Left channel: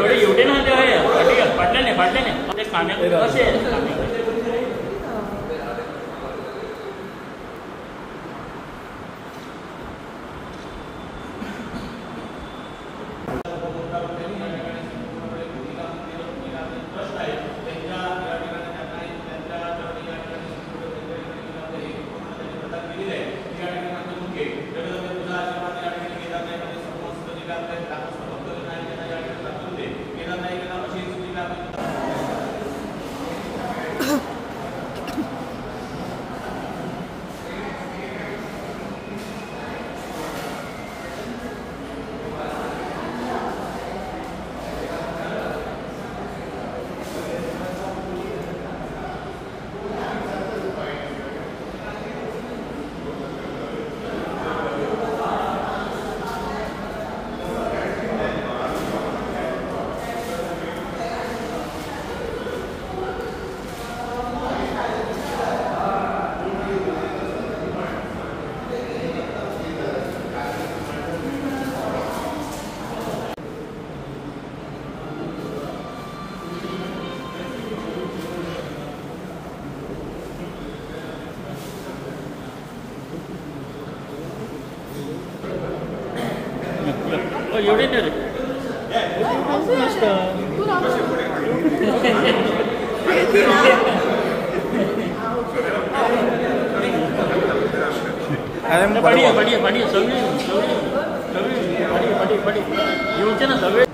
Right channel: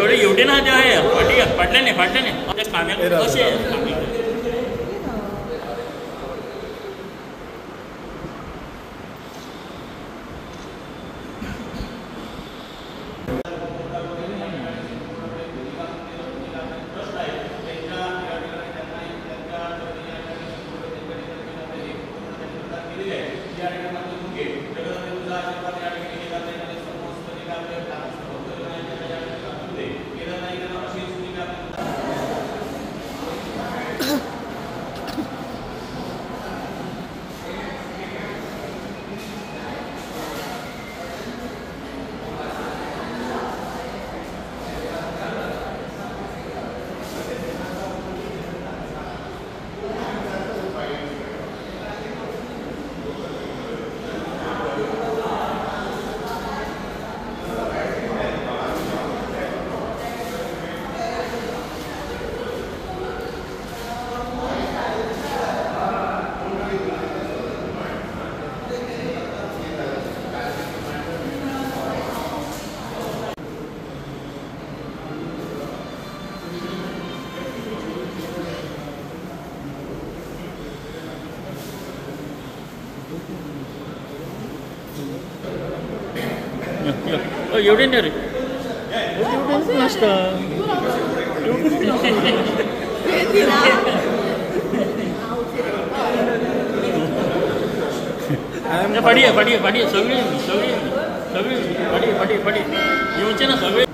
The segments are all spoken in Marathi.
थोडे एवढे ना पडले नाही कांदा कसे एवढे नाही रे मस्त पडी सगळी पडी येऊचे ना सगळे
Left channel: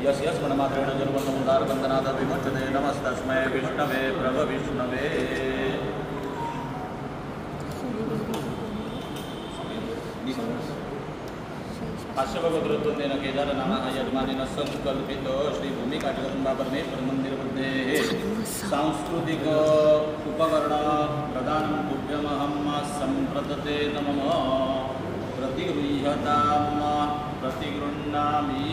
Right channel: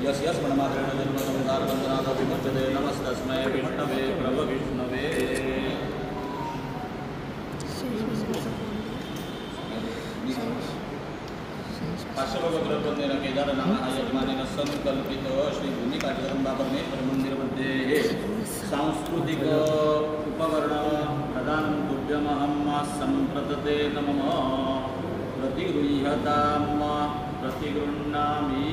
यस यस मणमात्रेण जन्मसंसार बंधनाथ विमुच्यते नमस्तस्मै विष्णवे प्रभ विष्णवे पार्श्वभगवद्ग्रंथोतेन केदार नाम यजमानेन संकल्पित श्री भूमिकाटिकरंबा परमेश्वर मंदिर मध्ये सांस्कृतिक उपकरण प्रदान तुभ्यमहं संप्रदते नमः प्रतिगृह्यतां प्रतिगृह्णामि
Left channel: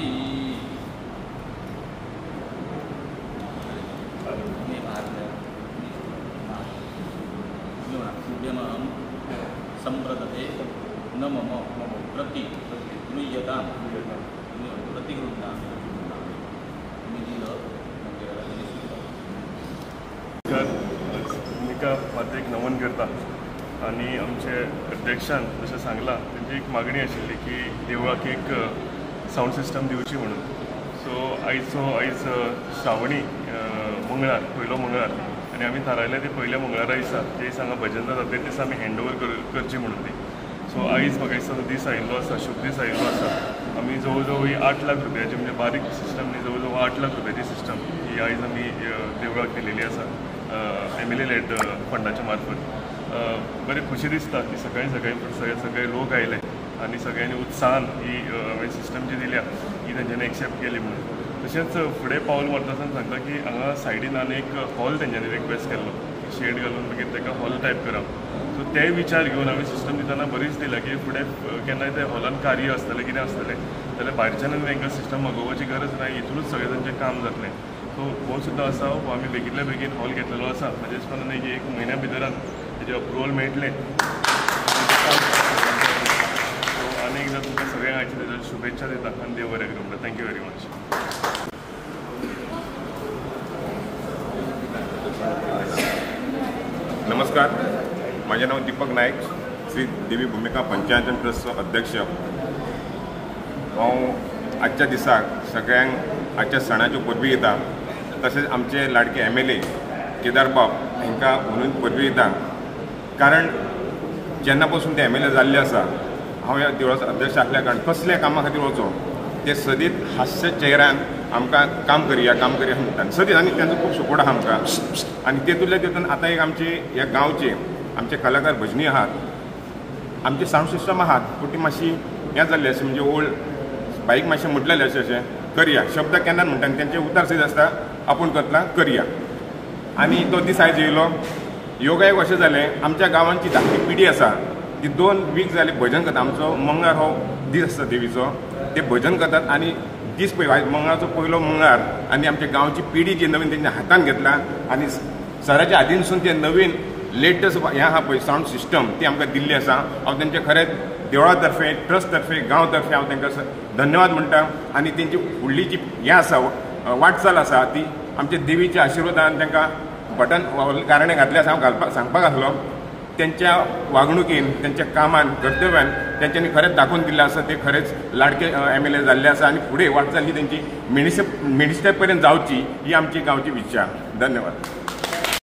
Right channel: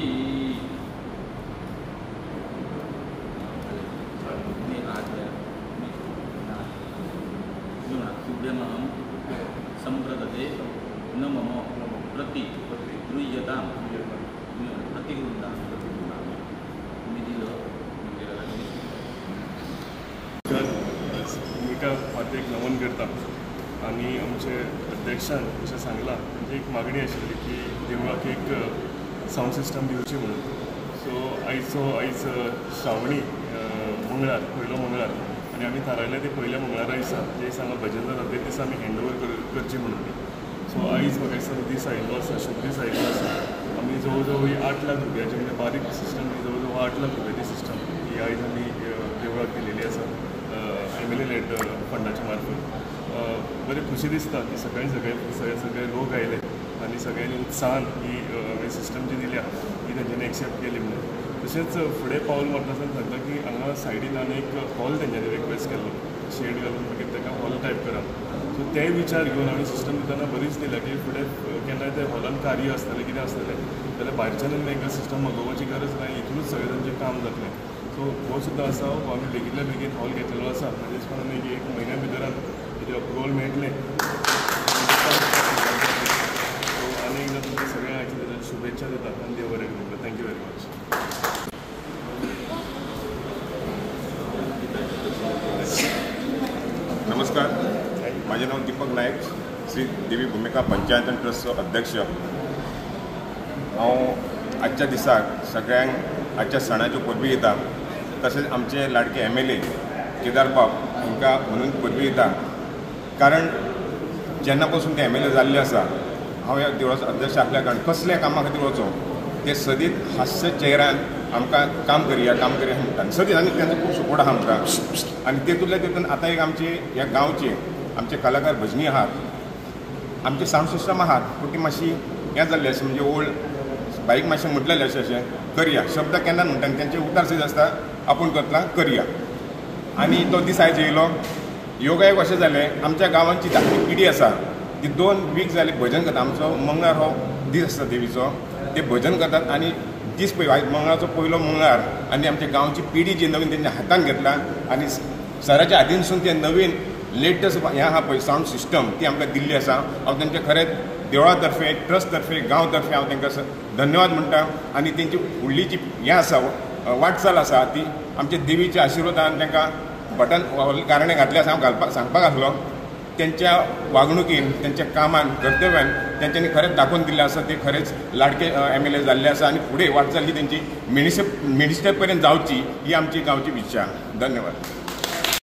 तुभ्यमहं संप्रदते नमः प्रतिगृह्यतां प्रतिगृह्णामि भूमिका मातेक नमन करता आणि आमचे अध्यक्षान जशें सांगलां तेंची एक मागणी आशिल्ली की देवळाक एक सावंड सिस्टम दिवची म्हणून सो आयज श्रावणी मंगळार पयलो मंगळार आनी आमी थारायलें ते पयल्या मंगळारा दिसा जे दिसा हांगा भजन जाता ते दिसा आमी हँडओवर करची म्हणून ती सो आयज म्हाका दिसता दीस आयिल्लो आसा शुभ दीस आयिल्लो आसा आमी जवळ जवळ 8 लाख रुपयाची म्हणजे बारीक सिस्टम न्ही जवळ जवळ 8 लाख रुपयाची सिस्टम ही आयज आमी देवळाक दिलेली आसा MLA लेड फंडाच्या मार्फत बरें खुशी दिसता की सकाळी सकाळी सगळे लोक आयले आनी सगळ्यांनी उत्साहान ही सिस्टम जी दिल्या ही तेंच्यांनी एक्सेप्ट केली म्हणून. तशेंच फुडें पावल व्हरता सांगता की हांगा सायडीन आनी एक हॉल तेंच्यांनी रिक्वेस्ट केल्लो शेड घालून मागीर ताका हॉल टायप करप. सो ते विचार घेवन आमी सिस्टम दितना बरीच दिला की फुडें केन्नाय ते हॉलान कार्य आसतलें कितें आसतलें जाल्यार भायरच्यान तांकां सिस्टम मागोवपाची गरज ना, हितूनच सगळें तांचें काम जातलें. सो हो सुद्दां आसा, हो आमी बेगितल्या बेगीन हॉल घेतलेलो आसा. म्हाज्या दिसपान एक म्हयन्या भितरान तेजें अप्रुवल मेळटलें. सो आनी एकदां तुमकां सगळ्यांक आयच्या तेज्या शुभेच्छा दिता आनी देव बरें करूं. Thank you very much. नमस्कार, माझे नाव दीपक नायक, श्री देवी भूमिका पंचायत ट्रस्टचो अध्यक्ष. हांव आजच्या दिसाक सगळ्यांक आजच्या सणाच्यो परबी दिता. तशेंच आमचे लाडके MLA केदार बाब हांकां म्हणून परबी दिता. कारण जेन्ना पासून ते MLA जाल्ले आसा, हांव ह्या देवळाचो अध्यक्ष आसल्या कारण कसल्या कामा खातीर वचो ते सदीत हास्य चेहऱ्यान आमकां काम करया म्हणटात सदीत. आनी तांचो खूब सपोर्ट आहा आमकां. आनी तेतूंतल्या तेतून आतां एक आमचे ह्या गांवचे आमचे कलाकार भजनी आहात, आमचे सावंड सिस्टम आहात, पूण ती मातशी हें जाल्ली अशें म्हणजे ओल्ड बाईक मातशें म्हटलेलें अशें करया शब्द केन्ना म्हणटा आनी तेंचे उतार सयत आसता आपूण करतलां करया. आनी तो दीस आयज येयलो. योगायोग अशें जालें आमच्या गांवांची धाकटी पिढी आसा ती 2 वीक जाली भजन करता. आमचो मंगळार हो दीस आसता देवीचो, ते भजन करतात. आनी दीस आयज मंगळाचो पयलो मंगळार आनी आमच्या गांवची पिढी जी नवीन तेंच्या हातान घेतला आनी सराच्या आदीनसून ते नवीन लेटस्ट हें आहा पळय सावंड सिस्टम ती आमकां दिल्ली आसा. हांव तेंचे खरेंच देवळा तर्फे ट्रस्ट तर्फे गांव तर्फे हांव तांकां धन्यवाद म्हणटा. आनी तेंची फुडली जी हें आसा वाटचाल आसा ती आमच्या देवीच्या आशिर्वादान तांकां बटन कारणे घातले आसा. हांव सांगपाक आसलो त्यांच्या वागणुकीन त्यांच्या कामान कर्तव्यान त्यांच्यानी खरेंच दाखवून दिल्लें आसा. ते खरेंच लाडके MLA जाल्ले आसा आनी फुडें वाटचाल ही तेंची मिनिस्टर पर्यंत जावची ही आमची गांवची इच्छा. धन्यवाद.